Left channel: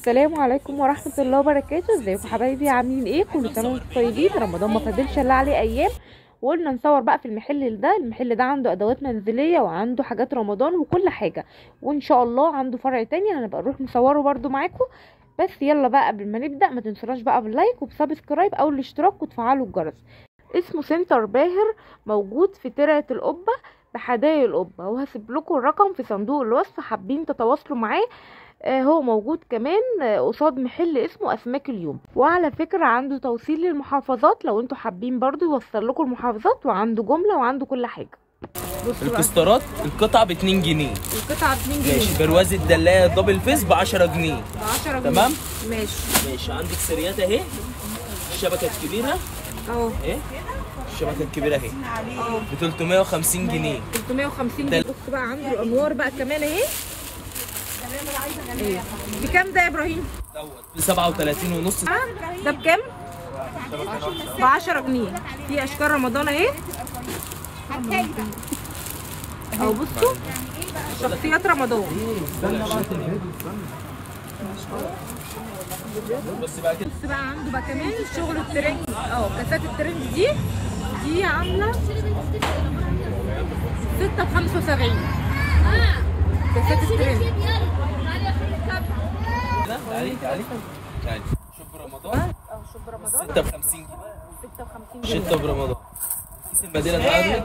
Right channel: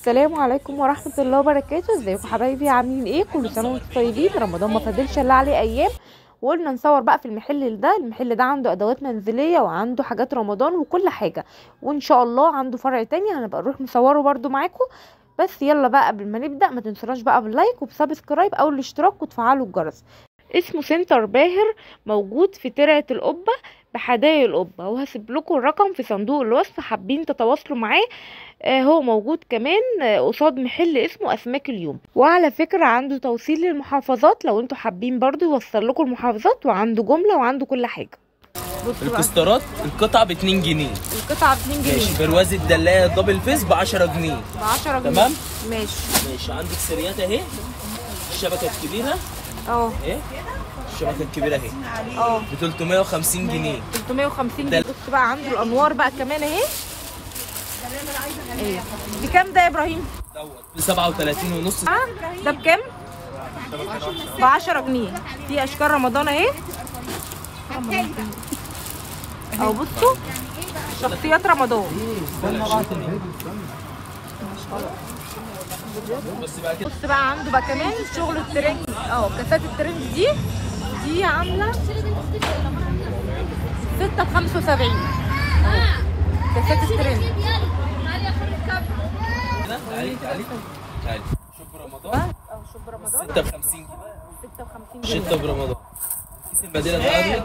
السلام عليكم ورحمه الله وبركاته. ازيكم حبايبي؟ عاملين ايه؟ كل سنه وانتم طيبين. رمضان ما فاضلش الا عليه ايام، وقلنا نصور بقى في المحل ده عنده ادوات منزليه وعنده حاجات رمضان وكل حاجه، وان شاء الله عنده فرع تاني هنبقى نروح نصوره برده معاكم. بس يلا بقى قبل ما نبدا ما تنسوناش بقى باللايك وبسبسكرايب او الاشتراك وتفعلوا الجرس. اسمه سنتر باهر، موجود في ترعه القبه بحدائق القبه، وهسيب لكم الرقم في صندوق الوصف حابين تتواصلوا معاه. هو موجود كمان قصاد محل اسمه اسماك اليوم، وعلى فكرة عنده توصيل للمحافظات لو انتوا حابين برضو يوصل لكم المحافظات، وعنده جملة وعنده كل حاجة. الكسترات القطعة ب2 جنيه. القطعة ب2 جنيه. ماشي. برواز الدلاية دبل فيس ب10 جنيه. ب10 جنيه. تمام. ماشي. عندك سريات اهي، الشبكة الكبيرة اهي، الشبكة الكبيرة اهي ب 350 جنيه. 350 جنيه. بص بقى عنده الانوار بقى كمان اهي. ايه بكام ده يا ابراهيم؟ ب 37 ونص. ده بكام؟ ب10 جنيه. في اشكال رمضان اهي اهو. بصوا شخصيات رمضان. بص بقى عنده بقى كمان شغل الترنج كاسات الترنج دي عامله 6 ب 75. كاسات الترنج. شوب رمضان. شوب رمضان 6 ب 50 جنيه. 56 جنيه. 6 برمضان. كيس المدينة ده عامل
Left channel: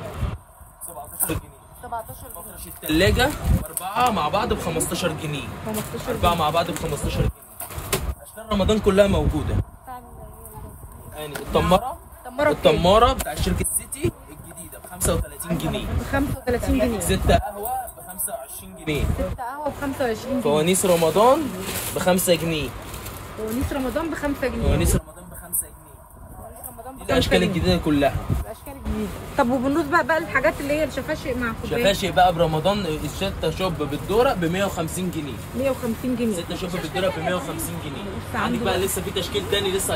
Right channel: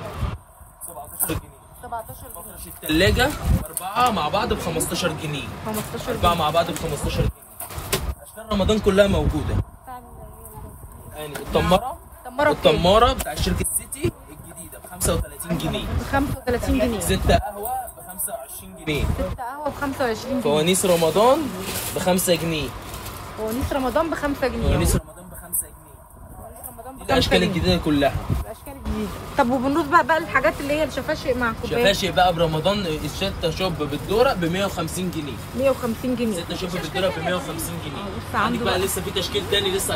17 جنيه. 17 جنيه. الثلاجة 4 مع بعض ب 15 جنيه. 15 جنيه. 4 مع بعض ب 15 جنيه. أشكال رمضان كلها موجودة. يعني التمارة بتاع شركة سيتي الجديدة ب 35 جنيه. ب 35 جنيه. 6 قهوة ب 25 جنيه. 6 قهوة ب 25 جنيه. فوانيس رمضان ب 5 جنيه. فوانيس رمضان ب 5 جنيه. فوانيس رمضان ب 5 جنيه. دي الأشكال الجديدة كلها. الأشكال الجديدة. طب وبالنسبة بقى الحاجات اللي هي الشفاشق مع كوبايات؟ شفاشق بقى برمضان الستة شوب بالدورة ب 150 جنيه. 150 جنيه. 6 شوب بالدورة ب 150 جنيه. عنده بقى لسه في تشكيل تاني لسه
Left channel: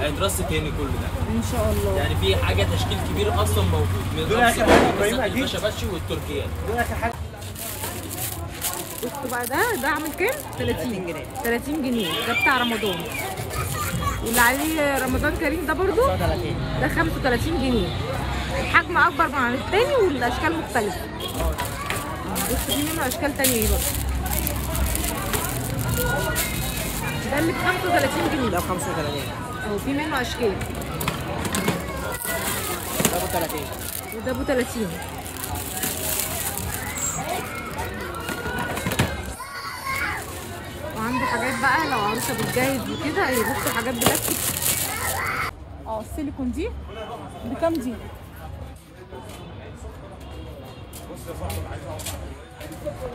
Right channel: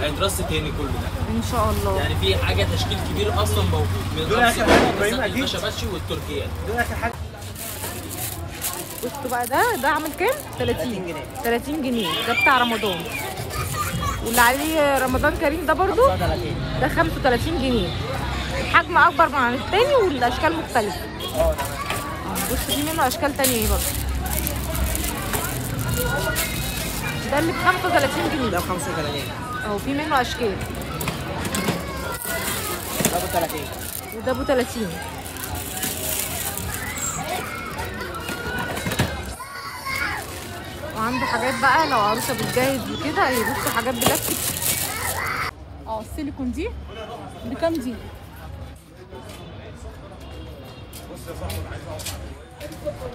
هيترص تاني كله ان شاء الله. يعني في حاجه تشكيل كبير اصلا موجود من الخشباشي والتركيات. بصوا بقى ده عامل كام؟ 30 جنيه. 30 جنيه ده بتاع رمضان. واللي عليه رمضان كريم ده برضو ده 35 جنيه. الحجم اكبر من التاني والاشكال مختلفه. بص في منه اشكال تانية اهي برضو. ده اللي ب 35 جنيه في منه اشكال. ده ب 30 وده ب 30. وعنده حاجات بقى لو عروسه بتجهز وكده. بصوا حاجات بلاستيك. السيليكون دي بكام دي؟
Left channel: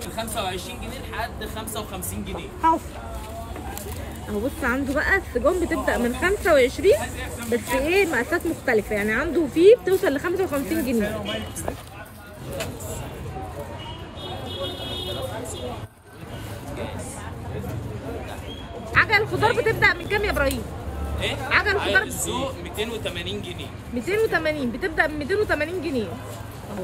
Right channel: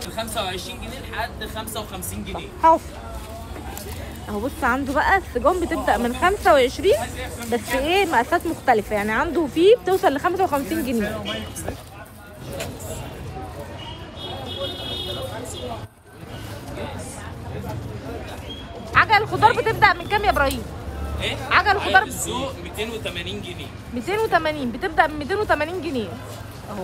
من 25 جنيه لحد 55 جنيه. اهو بص عنده بقى السجون بتبدأ من 25 بس مقاسات مختلفة. يعني عنده فيه بتوصل ل 55 جنيه. عجل الخضار بتبدأ من كام يا ابراهيم؟ عجل الخضار 280 جنيه. 280 بتبدأ من 280 جنيه اهو.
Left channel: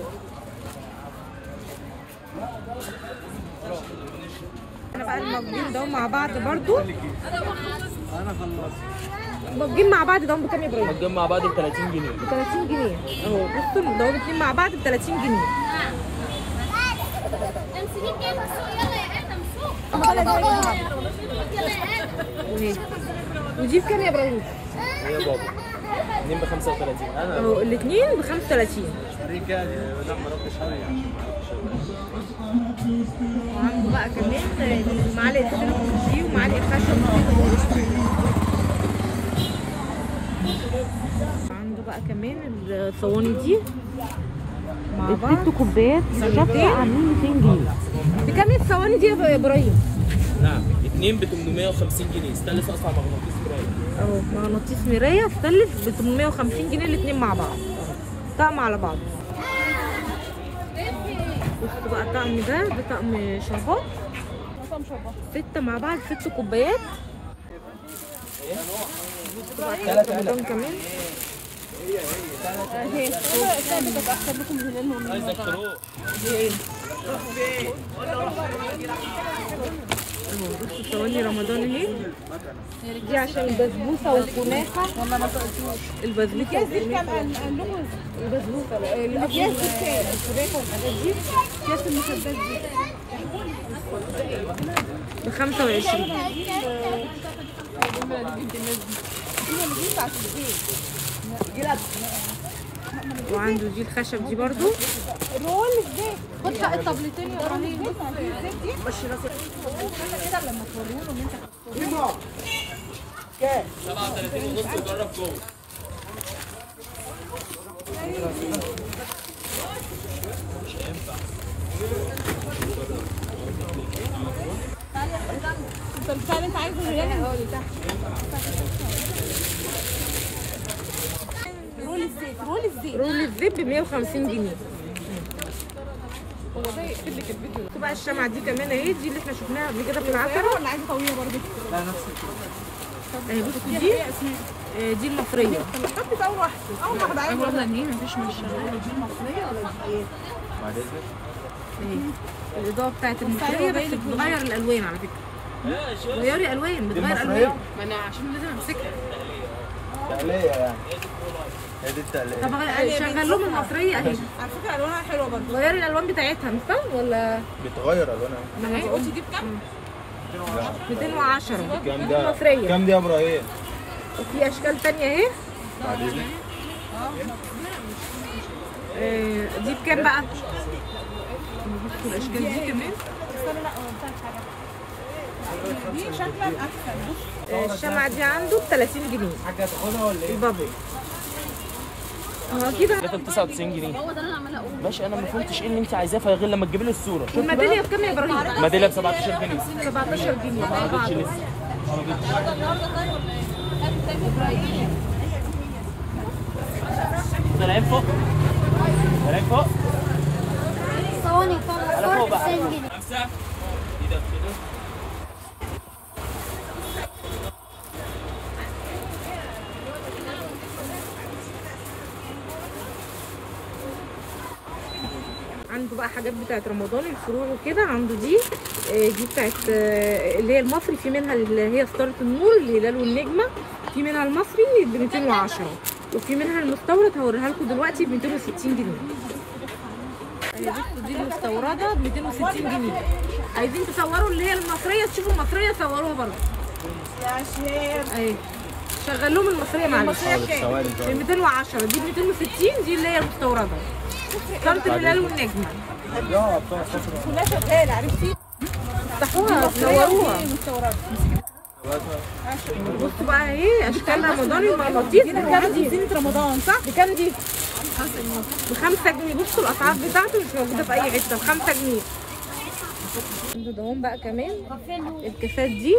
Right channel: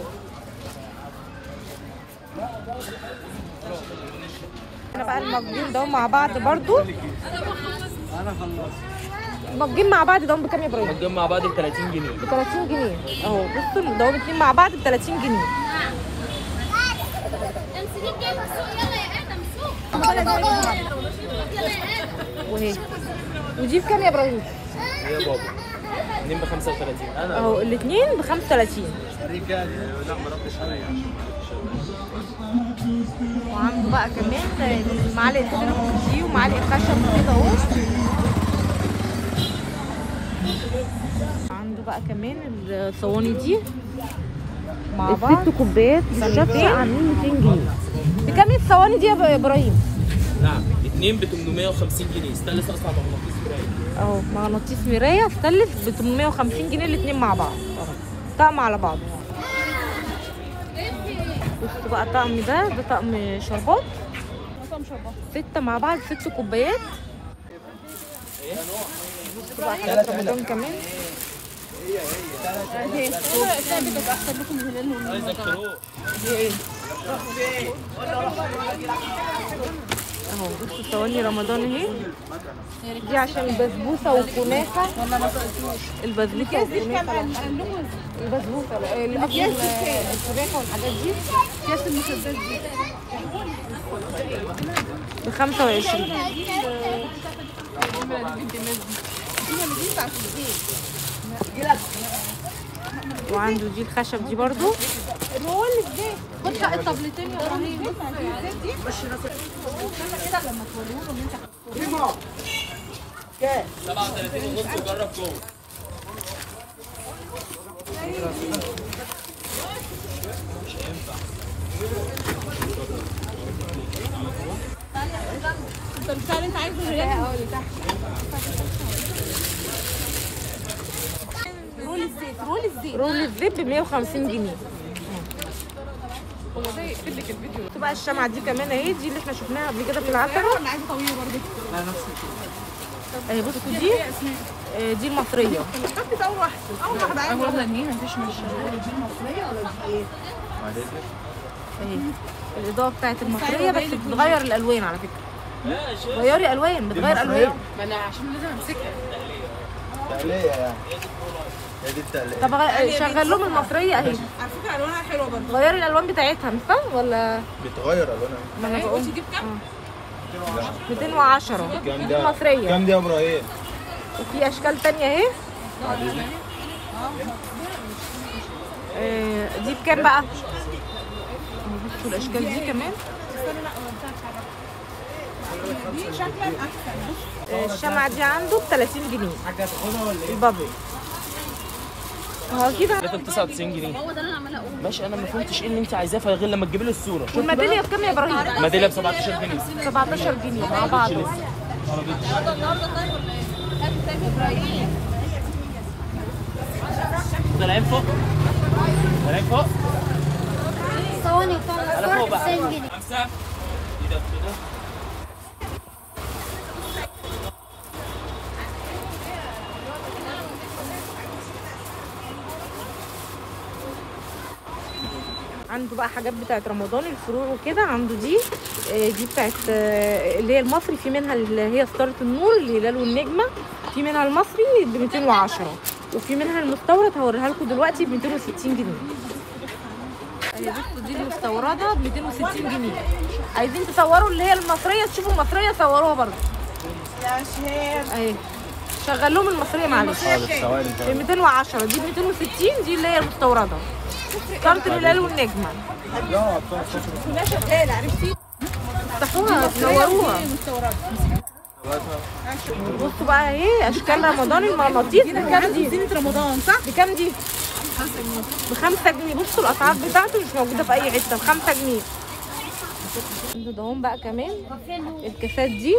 احنا بقى المجين ده مع بعض برضو. المجين مع بعض ده بكام يا ابراهيم؟ المجين مع بعض ب 30 جنيه. ب 30 جنيه اهو. بصوا ده الاثنين مع بعض ب 30 جنيه. وهي ودي بكام يا ابراهيم؟ الاثنين ب 35 اهو. الاثنين ب 35. وعنده بقى كمان معلقه سينامون ومعلقه خشب اهو. عنده بقى كمان الصواني دي مع بعض. 6 كوبايات بالشفشة عاملين 200 جنيه. بكام الصواني دي يا ابراهيم؟ نعم 2 ب 850 جنيه. استانلس اصلا مغناطيس مرايه اهو. مغناطيس مرايه استانلس ب 850 جنيه الاثنين مع بعض اهو. طقم على بعض. بصوا بقى الطقم ده طقم شربات 6 مع بعض. 6 كوبايات. بصوا بقى حاجات رمضان كمان. اهو بصوا صواني رمضان اهي. دي عشان البسبوسه والكنافه ولا ما سالتوش؟ البسبوسه والكنافه البسبوسه الكنافه والحاجات دي ب 25. وعنده دي الخشب دي برضو. رول الزيت ب 150 جنيه. بقى الشمعة دي كمان اهي، دي اللي احنا شفناها قبل كده من العتبة اهي. بصوا دي المصرية اهي. الإضاءة بتاعت المصرية بس بتغير الألوان على فكرة. غيري ألوان، بتغير ألوان. ما أنا عشان لازم أمسكها. طب شغل لهم المصرية اهي. غيري الالوان بتاعتها مش فاهم ولا بتغير الوانها؟ ما انا بقول 210 دي المصرية. كام دي يا ابراهيم؟ وفي اشكال تانية اهي. دي بكام بقى؟ بصوا الاشكال دي كمان. الشمعة دي عنده ب 30 جنيه البابل. هو كده 99 جنيه. هو ده اللي انا عماله اقوله. ماشي انا ما فهمتش ايه اللي انت عايزاه غير لما تجيبي لي الصوره. والميداليه بكام يا ابراهيم؟ الميداليه ب 17 جنيه. 17 جنيه مع بعض. طالعين فوق. طالعين فوق. صواني فوق 90 جنيه. 5 كده كده. عنده بقى حاجات بتاعت رمضان الفروع وكده. عنده دي بتاعت اللي هي المصري، في منها اللي هي ستارة النور الهلال والنجمة، في منها المصري ب 210 وفي منها المستورد هوريها لكم دلوقتي ب 260 جنيه. بصوا دي المستورده ب 260 جنيه. عايزين تصوروا اللي هي المصريه تشوفوا المصريه صوروها برضه يا شيخ اهي. شغل لهم المصريه معلش. ب 210 دي ب 260 دي اللي هي المستورده ستارة الهلال والنجمة. افتحوها تصوروها. بصوا بقى ايه اشكال رمضان المغناطيس. رمضان صح؟ بكام دي؟ ب 5 جنيه. بصوا الاسعار بتاعته مش موجوده في اي حته، ب 5 جنيه. عنده دهون بقى كمان الكاسات دي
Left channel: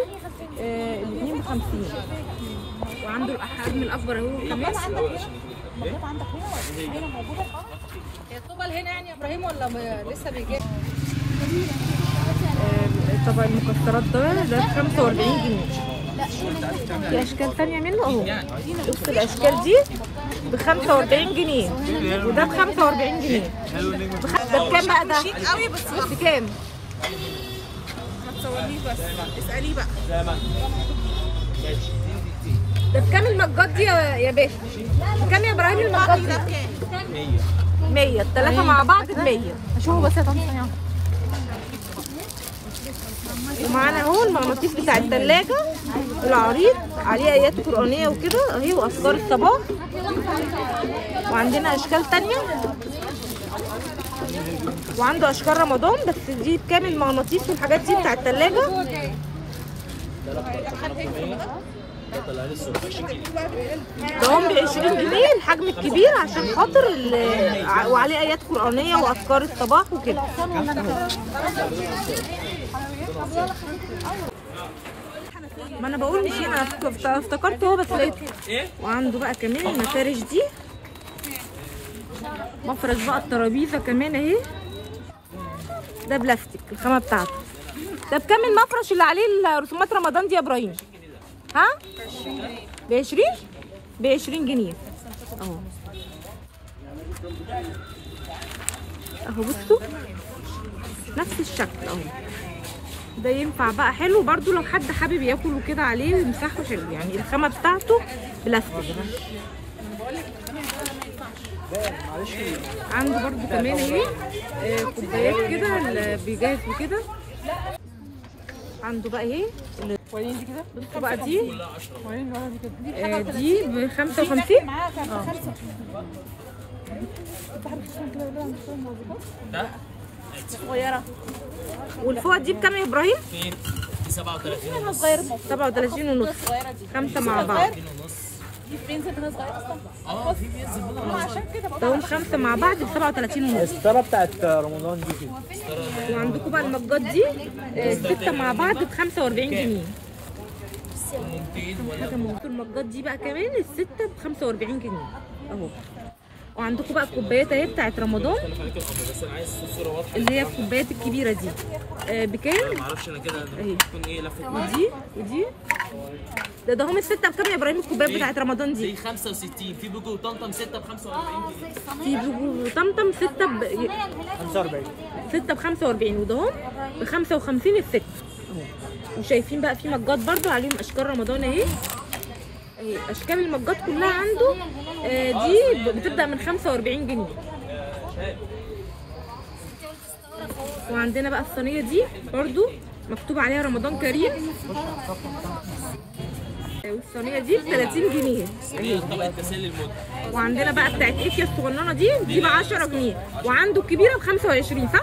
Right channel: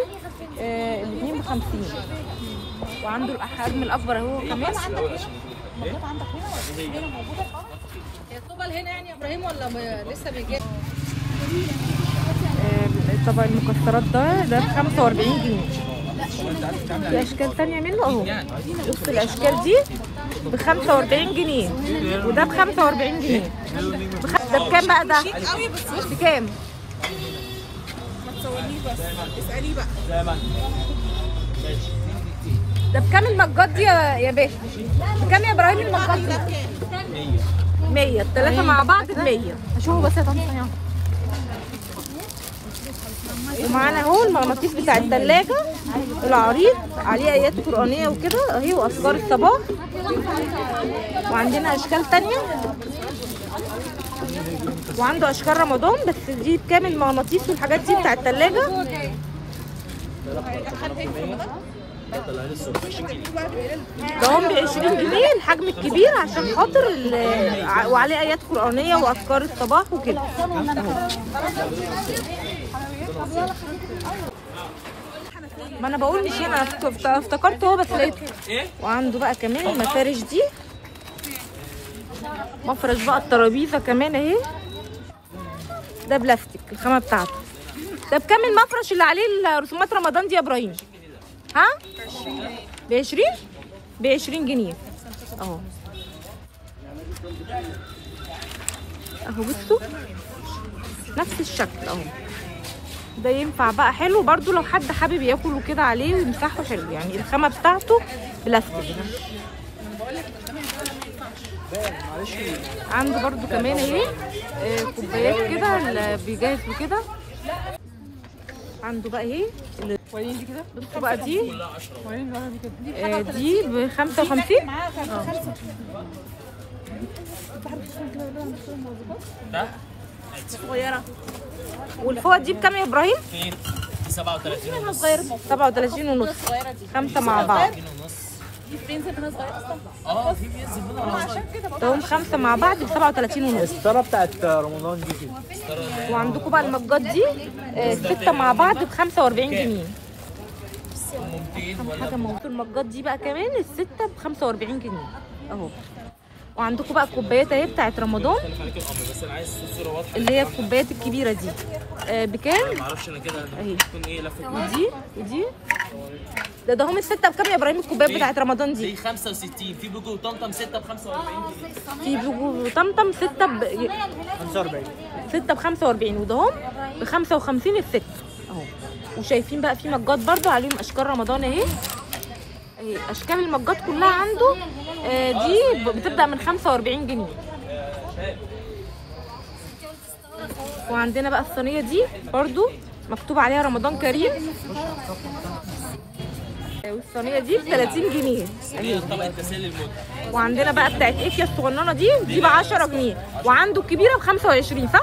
اللي ب 50. وعنده الحجم الاكبر اهو كمان. ابراهيم ولا لسه بيجي؟ طبق المكسرات ده ب 45 جنيه. في اشكال ثانيه منه اهو. بصوا الاشكال دي ب 45 جنيه وده ب 45 جنيه. ده بكام بقى ده؟ بكام؟ اساليه بقى. ده بكام المجات دي يا باشا؟ بكام يا ابراهيم المجات دي؟ 100 الثلاثه مع بعض ب 100. ومعانا اهو المغناطيس بتاع الثلاجه العريض عليه ايات قرانيه وكده اهي واذكار الصباح. وعندنا اشكال تانية وعنده اشكال رمضان بس دي بكام المغناطيس والحاجات دي بتاع الثلاجه؟ ده هم ب 20 جنيه الحجم الكبير عشان خاطر وعليه ايات قرانيه واذكار الصباح وكده اهو. ما انا بقول مش انا افتكرت اهو بس لقيته. وعنده بقى كمان المفارش دي. مفرش بقى الترابيزه كمان اهي. ده بلاستيك الخامه بتاعته. ده بكام المفرش اللي عليه رسومات رمضان دي يا ابراهيم؟ ها؟ ب 20؟ ب 20 جنيه اهو. اهو بصوا نفس الشكل اهو. ده ينفع بقى حلو برضو لو حد حابب ياكل وكده عليه ويمسحه حلو، يعني الخامه بتاعته بلاستيك. عنده برضو كمان اهي كوبايات كده اللي بيجاز وكده. عنده بقى اهي بصوا بقى دي دي ب 55. والفوق دي بكام يا ابراهيم؟ 37 ونص. 37 ونص، 5 مع بعض. في بينزل منها دول 5 مع بعض ب 37 ونص. الستاره بتاعت رمضان دي كده. وعندكم بقى المجات دي 6 مع بعض ب 45 جنيه. حاجه موجوده المجات دي بقى كمان الستة ب 45 جنيه اهو. وعندكم بقى الكوبايات اهي بتاعت رمضان اللي هي الكوبايات الكبيره دي بكام؟ معرفش انا كده اهي. ودي ودي ده هم الستة بكام يا ابراهيم الكوبايات بتاعت رمضان دي؟ دي 65. في بيجو وطمطم 6 ب 45 جنيه. في بيجو وطمطم 6 ب 45. 6 ب 45 ودهم ب 55 الست اهو. وشايفين بقى في مجات برضو عليهم اشكال رمضان اهي. اشكال المجات كلها عنده دي بتبدا من 45 جنيه. وعندنا بقى الصينيه دي برضو مكتوب عليها رمضان كريم، والصينيه دي ب 30 جنيه هي طبق التسالي الموت. وعندنا بقى بتاعت افيا الصغننه دي ب 10 جنيه، وعنده الكبيره ب 25 صح؟